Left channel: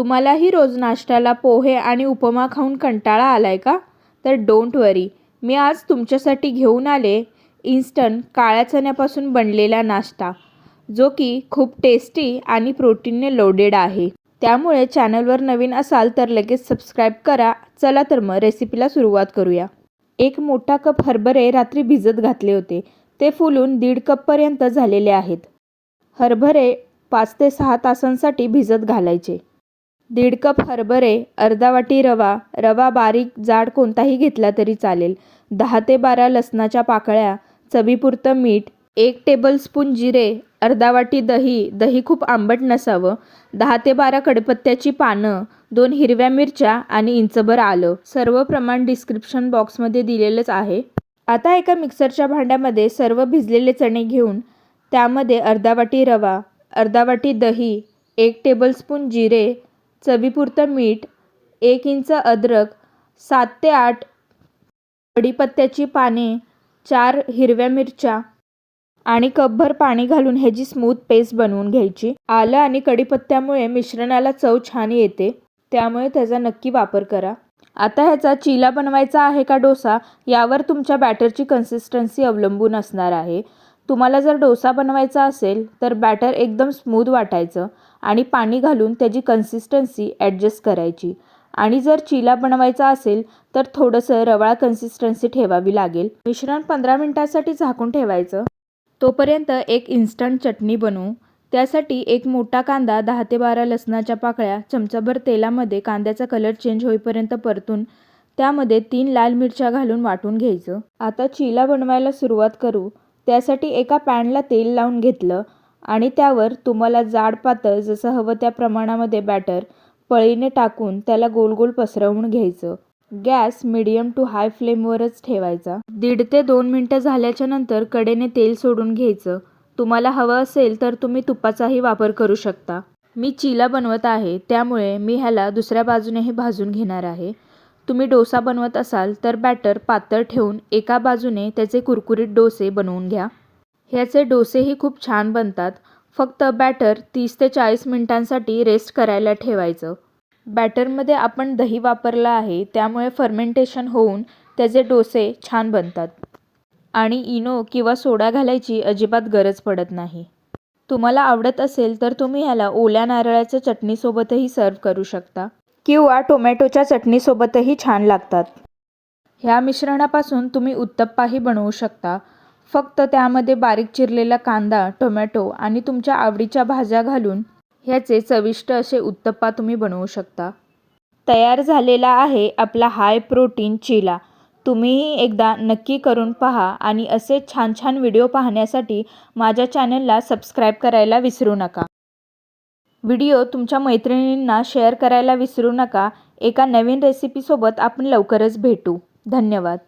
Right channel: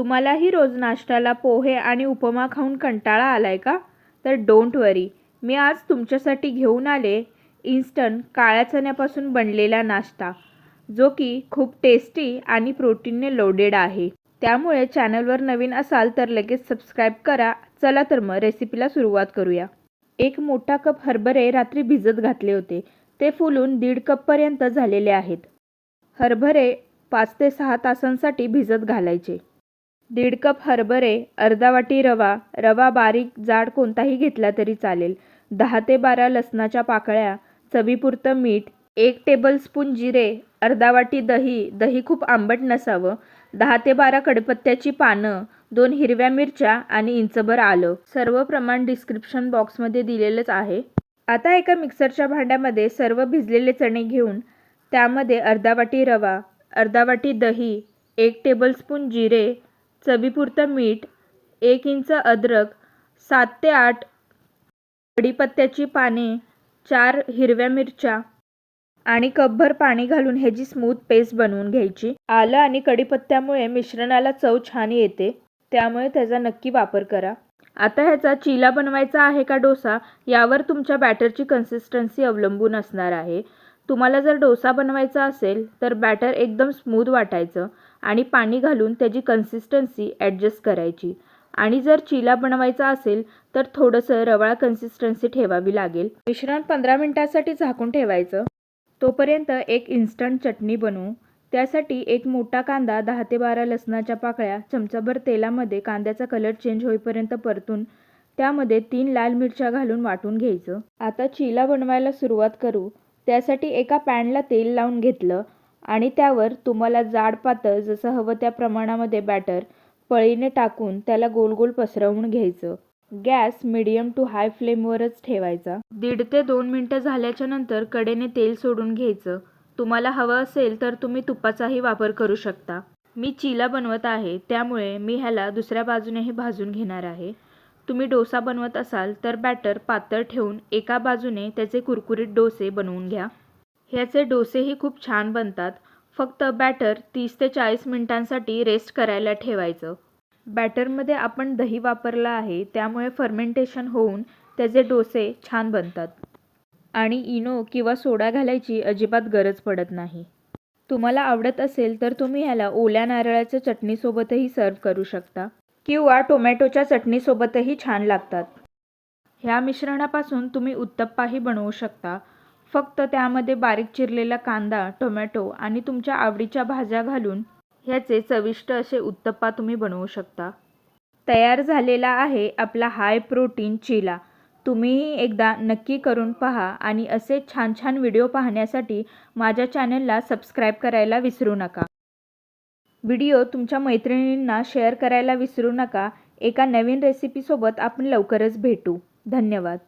तुम्हालाही रोज नाश्त्याला पोहे आणि उपमा खाऊन कंटाळा आलाय का? तर डोंट वरी. मी आज तुमच्यासाठी घेऊन आले इन्स्टंट काळ्या चण्यापासून बनलेला नाश्ता जो की खूप टेस्टी आणि प्रोटीनने लोडेड आहे. त्यामुळे चॅनलवर नवीन असाल तर लगेच सबस्क्राईब करा. चला तर मग रेसिपीला सुरुवात करूया. एक मोठा कप हरभरे रात्री भिजत घातले होते. ते फुलून दीड कपपर्यंत झालेले आहेत. हरभरे पाच ते सहा तासांसाठी भिजत घालायचे. दीड कप हरभरे अर्धा वाटी रवा रवा बारीक जाड कोणताही घेतला तरी चालेल. दहा ते बारा लसणाच्या पाकळ्या चवीपुरतं मीठ एक टेबलस्पून जिरे अर्धा वाटी दही दही खूप आंबट नसावं दहा ते बारा कडपत्त्याची पानं दोन हिरव्या मिरच्या आणि इंचभर आलं. सर्व प्रमाण डिस्क्रिप्शन बॉक्समध्ये दिलेलंच आहे. आता एका मिक्सरच्या भांड्यामध्ये सर्व भिजलेले चणे घेऊन त्यामध्ये अर्धा वाटी रवा अर्धा वाटी दही एक टेबलस्पून जिरे चवीपुरतं मीठ एक इंच अद्रक सात ते आठ कढीपत्त्याची पाने चार हिरव्या मिरच्या आणि कपभर पाणी घालून ह्याची स्मूथ पेस्ट बनवून घ्यायची. आलं आणि कढीपत्त्यामुळे मिश्रणाला चव छान येते त्यामुळे त्याचा नक्की वापर करा. आता ह्याचा चिला बनवायचा आहे का डोसा यावर तुमच्या बॅटरची कन्सिस्टन्सी अवलंबून असणार आहे. तुम्हाला जर डोसा बनवायचा असेल तर बॅटर एकदम स्मूथ वाटायचं. आणि पाणी घालून त्याची कन्सिस्टन्सी ॲडजस्ट करायची. आणि जर चिला बनवायचा असेल तर थोडंसं रवाळ कन्सिस्टन्सी ठेवावी लागेल. मिश्रण पंधरा मिनटासाठी झाकून ठेवायचं. तोपर्यंत एक इन्स्टंट चटणी बनवू. त्यासाठी एक मोठा कांदा दहा ते बारा लसणाच्या पाकळ्या चमचाभर तेलामध्ये कांद्याचा कलर चेंज होईपर्यंत परतून त्यामध्ये तीन लाल मिरच्या घालून वाटून घ्यायचं. आता चिला बनवायला सुरुवात करू. त्यासाठी एका पॅनला तेल लावून घेतलं. आणि त्यावर तुम्हाला जाड पातळ जसं हवं त्या प्रमाणामध्ये बॅटर पळीने टाकून त्याला गोल गोल पसरवून घ्यायचं. गॅस मिडियम टू हाय फ्लेमवरच ठेवायचा. दीड ते दोन मिनटं झाल्याच्यानंतर कडेने तेल सोडून घ्यायचं. तुम्हाला हवं असेल तर तुम्ही तुपाचाही वापर करू शकता. मी चिला बनवत आहे त्यामुळे मी ह्याला दुसऱ्या बाजूनेही भाजून घेणार आहे. तुम्ही डोसा बनवत असाल तर बॅटर पातळ ठेवून एका बाजूने त्याचे कुरकुरीत डोसे बनवून घ्या. ह्याचे डोसेही खूप छान बनतात. फक्त बॅटर तीस ते चाळीस मिनिटांसाठी रेस्ट करायला ठेवायचं. बॅटरमध्ये आपण दही वापरलं आहे त्यामुळे फर्मेंटेशन होऊन त्याचे डोसे छान बनतात. आणि इनो किंवा सोडा घालायची अजिबात गरज पडत नाही. तुम्हाला आवडत असेल तर तुम्ही ह्याला ओल्या नारळाच्या चटणीसोबतही सर्व करू शकता. किंवा टोमॅटोच्या चटणीसोबतही छान लागतात. ह्या मिश्रणापासून तुम्ही उत्तप्पाही बनवू शकता. फक्त त्यामध्ये बारीक चिरलेला कांदा टोमॅटो आणि तुमच्या आवडीच्या भाज्या घालून ह्याचे चविष्ट असे उत्तप्पा तुम्ही बनवू शकता. तयार झालेला आहे आपला हाय प्रोटीन चिला. तुम्हीही एकदा नक्की करून पहा आणि असे छान छान व्हिडिओ पाहण्यासाठी माझ्या चॅनलला सबस्क्राईब करायला विसरू नका. व्हिडिओ तुमच्या मैत्रिणींना शेअर करायला विसरू नका. एका नवीन रेसिपीसोबत आपण लवकरच भेटू. धन्यवाद.